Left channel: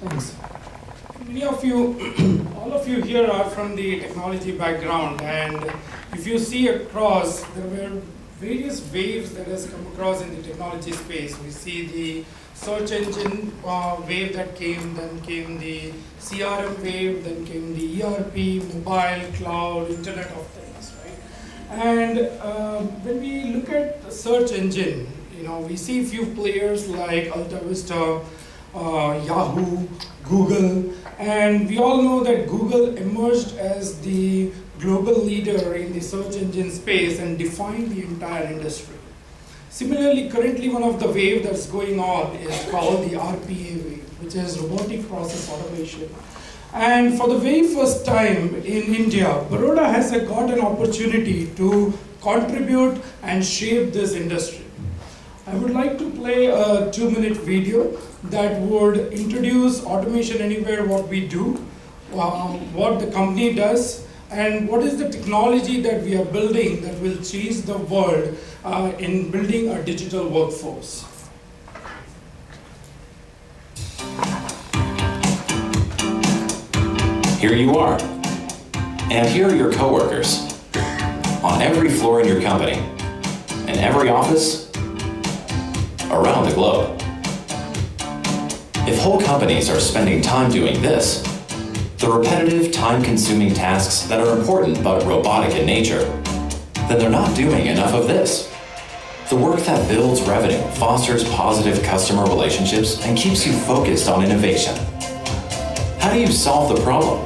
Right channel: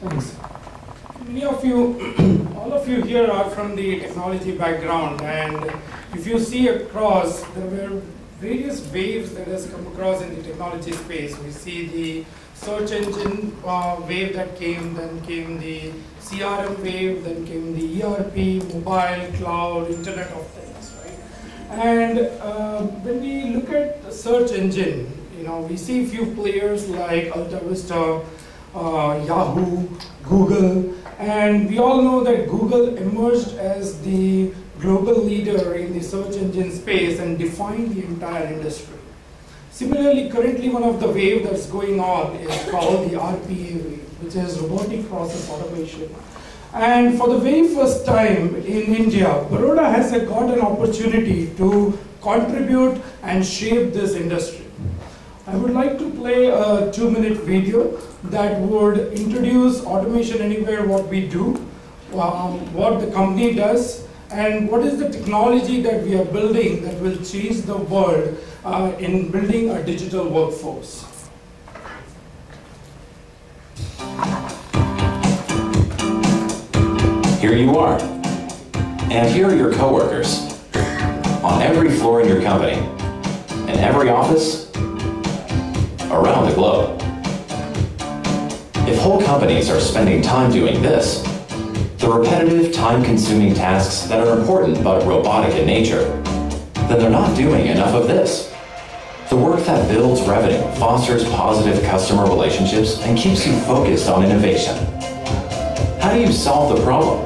Thanks. Many of you, all of you here are from the technology background, and if you see across, there were various waves that has come across in the technology space. We see the search engine wave that came, then came the CRM wave, then came the ERP, mobile, cloud, Internet of Things, right? And when we look at the search engine, we see a few players like Alta Vista, Yahoo, Google, and we all know that Google emerged as the global leader in the search engine space and defined the entire industry. Similarly, currently one of the waves that's going on is called the RPA wave, which is robotic process automation. And for the very first time in India, Baroda has got an opportunity to contribute and shape this industry. I would like to play a 2-minute video that would introduce Automation Anywhere, what we do, what the company does, and what is the technology that we are building that will change the world in building a digital workforce. Here you are, and here are your coworkers, on every floor in your company, in every office, around the globe. If whole companies are spending time doing this, the repetitive, time-consuming tasks that are important but robotic in nature, then they're not doing enough of this. The work that builds revenue, fosters positive customer relationships, and keeps you focused on innovation. How do you solve the problem?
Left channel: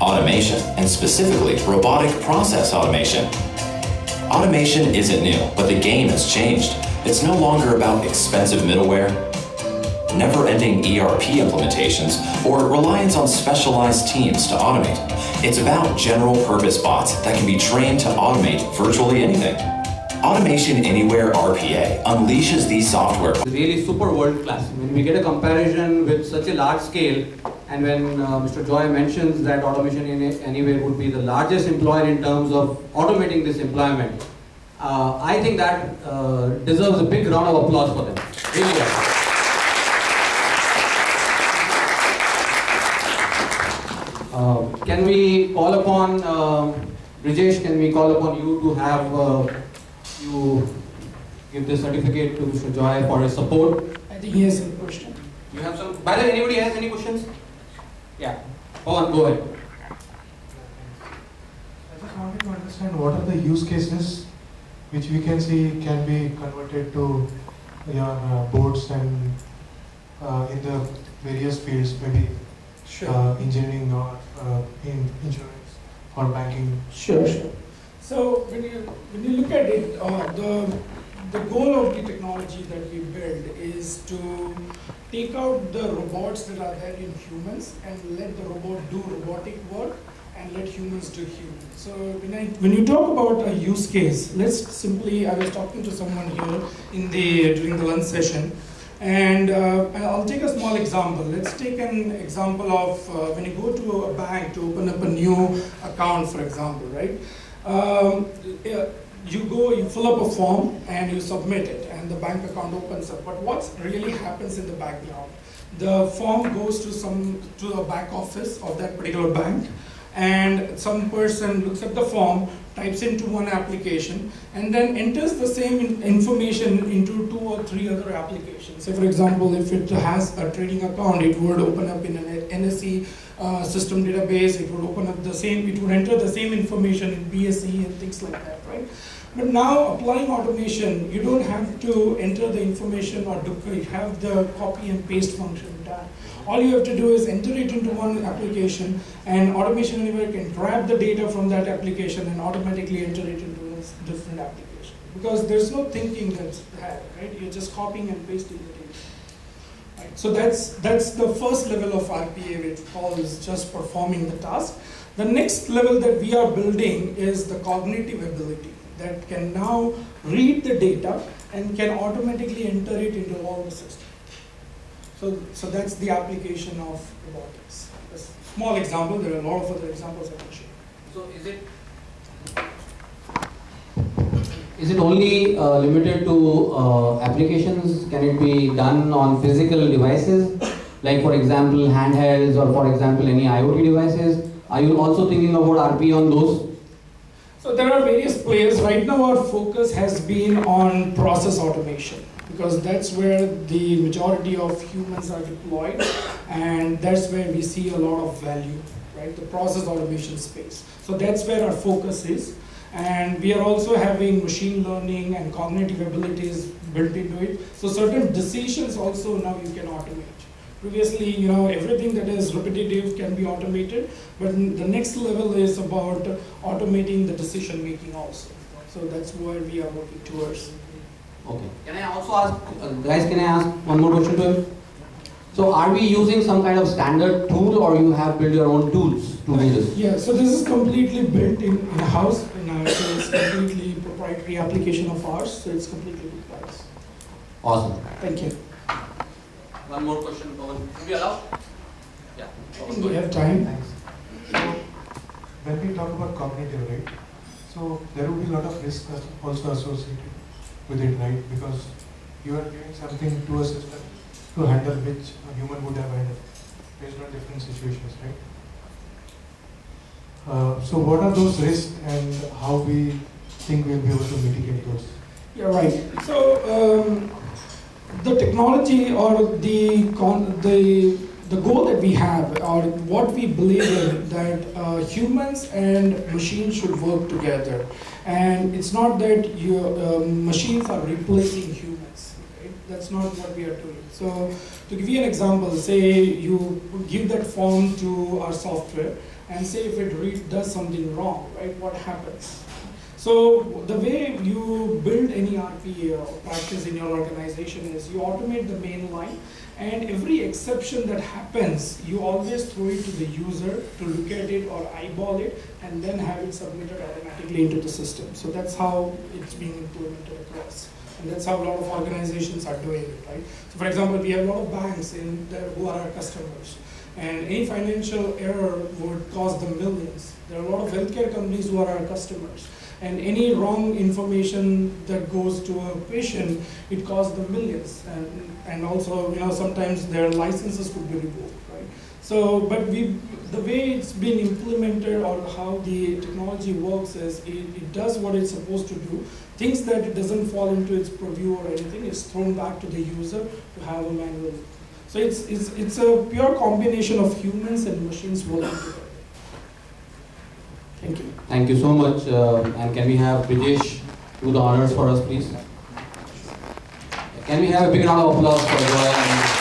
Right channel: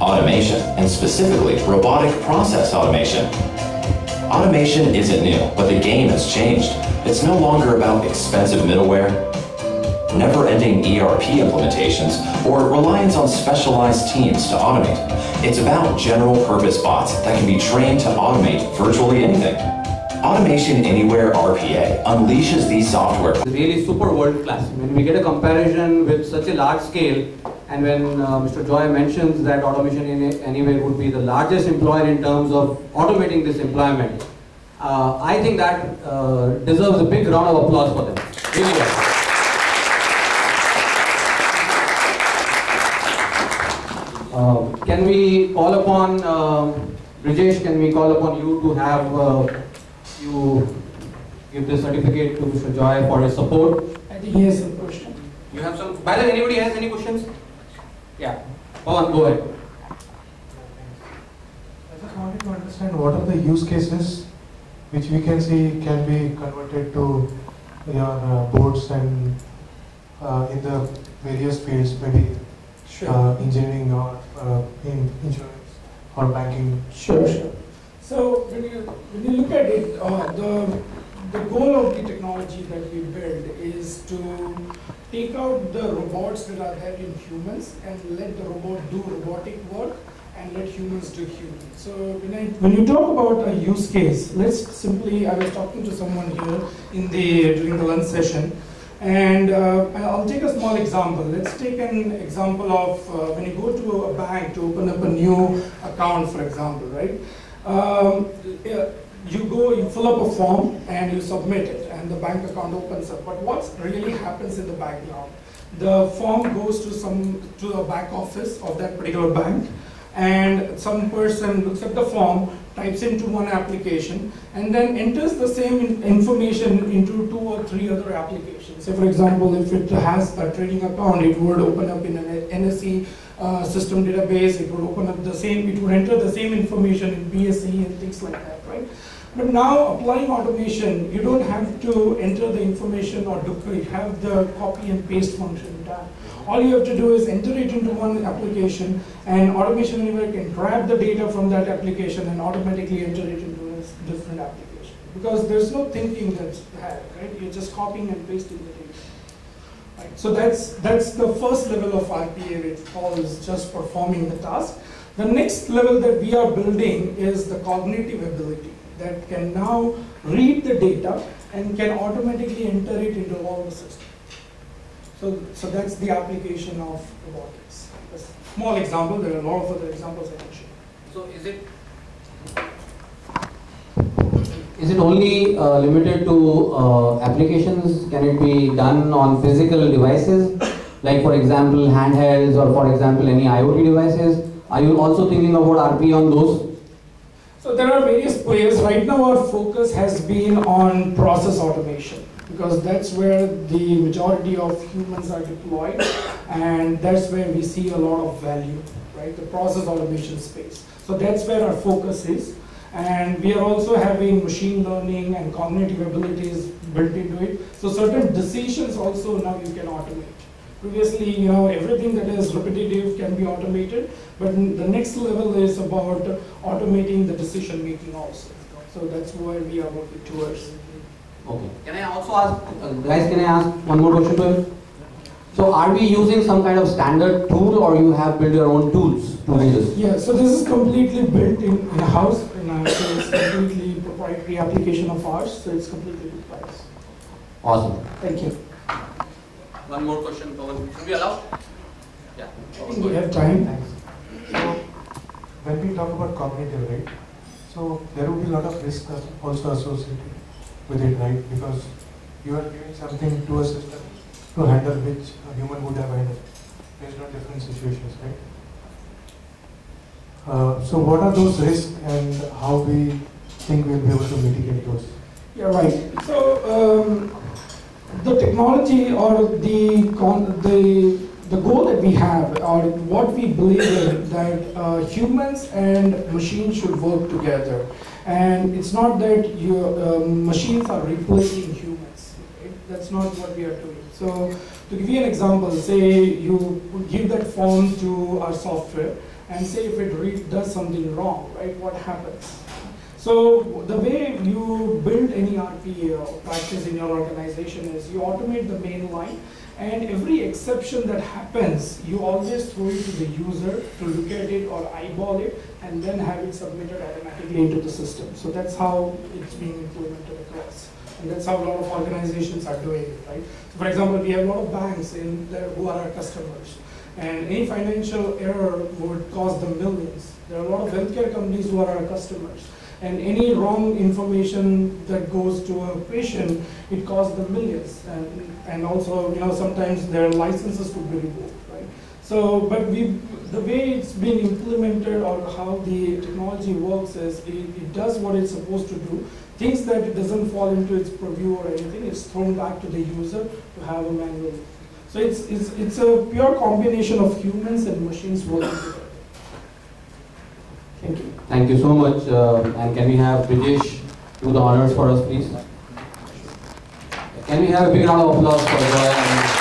Automation, and specifically robotic process automation. Automation isn't new, but the game has changed. It's no longer about expensive middleware, never-ending ERP implementations, or reliance on specialized teams to automate. It's about general-purpose bots that can be trained to automate virtually anything. Automation Anywhere RPA unleashes these software. Really super world-class. When we get a comparison with such a large scale, and when Mr. Joy mentions that Automation Anywhere would be the largest employer in terms of automating this employment, I think that deserves a big round of applause for them. Really well. Can we call upon, Brijesh, can we call upon you to have you give the certificate to Mr. Joy for his support? I think he has some question. You have some, by the way, anybody has any questions? Yeah, go ahead. I just wanted to understand what are the use cases which we can see can be converted to your boards and in the various fields, maybe engineering or in insurance or banking. Sure. So when you look at it, the goal of the technology that we build is to take out the robots that are there in humans and let the robot do robotic work and let humans do humans. So when you talk about a use case, let's simply, I was talking to someone here during the lunch session, and I'll take a small example. Let's take an example of when you go to a bank to open up a new account, for example, right? You fill up a form and you submit it, and the bank account opens up. But what really happens in the background? The form goes to the back office of that particular bank, and some person looks at the form, types into one application, and then enters the same information into 2 or 3 other applications. So for example, if it has a trading account, it would open up in an NSE system database, it would enter the same information in BSE and things like that, right? But now applying automation, you don't have to enter the information or have the copy and paste function done. All you have to do is enter it into one application, and Automation Anywhere can grab the data from that application and automatically enter it into a different application. Because there's no thinking that's had, right? You're just copying and pasting the data. Right? So that's the first level of RPA, which calls just performing the task. The next level that we are building is the cognitive ability that can now read the data and can automatically enter it into all the systems. So that's the application of robotics. A small example, there are a lot of other examples I can share. So is it only limited to applications? Can it be done on physical devices? like for example handhelds or for example any IoT devices? Are you also thinking about RPA on those? So there are various players. Right now our focus has been on process automation because that's where the majority of humans are deployed and that's where we see a lot of value, right? The process automation space. So that's where our focus is. And we are also having machine learning and cognitive abilities built into it. So certain decisions also now you can automate. Previously, everything that is repetitive can be automated, but the next level is about automating the decision making also. So that's where we are working towards. Okay. Can I also ask, guys, can I ask one more question to him? So are we using some kind of standard tool or you have built your own tools to do this? Yeah, so this is completely built in-house, so it's completely proprietary application of ours, so it's completely proprietary. Awesome. Thank you. One more question, Pawan. Should we allow? Yeah. I think we have time. Thanks. So, when we talk about cognitive, right? So there will be a lot of risk also associated with it, right? Because you are giving something to a system to handle which a human would have handled based on different situations, right? So what are those risks and how we think we'll be able to mitigate those? Yeah, right. So the technology or the goal that we have or what we believe in that humans and machines should work together. And it's not that machines are replacing humans. Right? That's not what we are doing. So to give you an example, say you give that form to our software and say if it does something wrong, right, what happens? So the way you build any RPA or practice in your organization is you automate the main line and every exception that happens, you always throw it to the user to look at it or eyeball it and then have it submitted automatically into the system. So that's how it's being implemented across. And that's how a lot of organizations are doing it, right? So for example, we have a lot of banks in there who are our customers. And any financial error would cost them millions. There are a lot of healthcare companies who are our customers. And any wrong information that goes to a patient, it costs them millions. And also, sometimes their licenses could be revoked, right? So, but the way it's been implemented or how the technology works is it does what it's supposed to do. Things that it doesn't fall into its purview or anything is thrown back to the user to have a manual. So it's a pure combination of humans and machines working together. Thank you. Thank you so much. And can we have Brijesh do the honors for us, please? Can we have a big round of applause for Joy?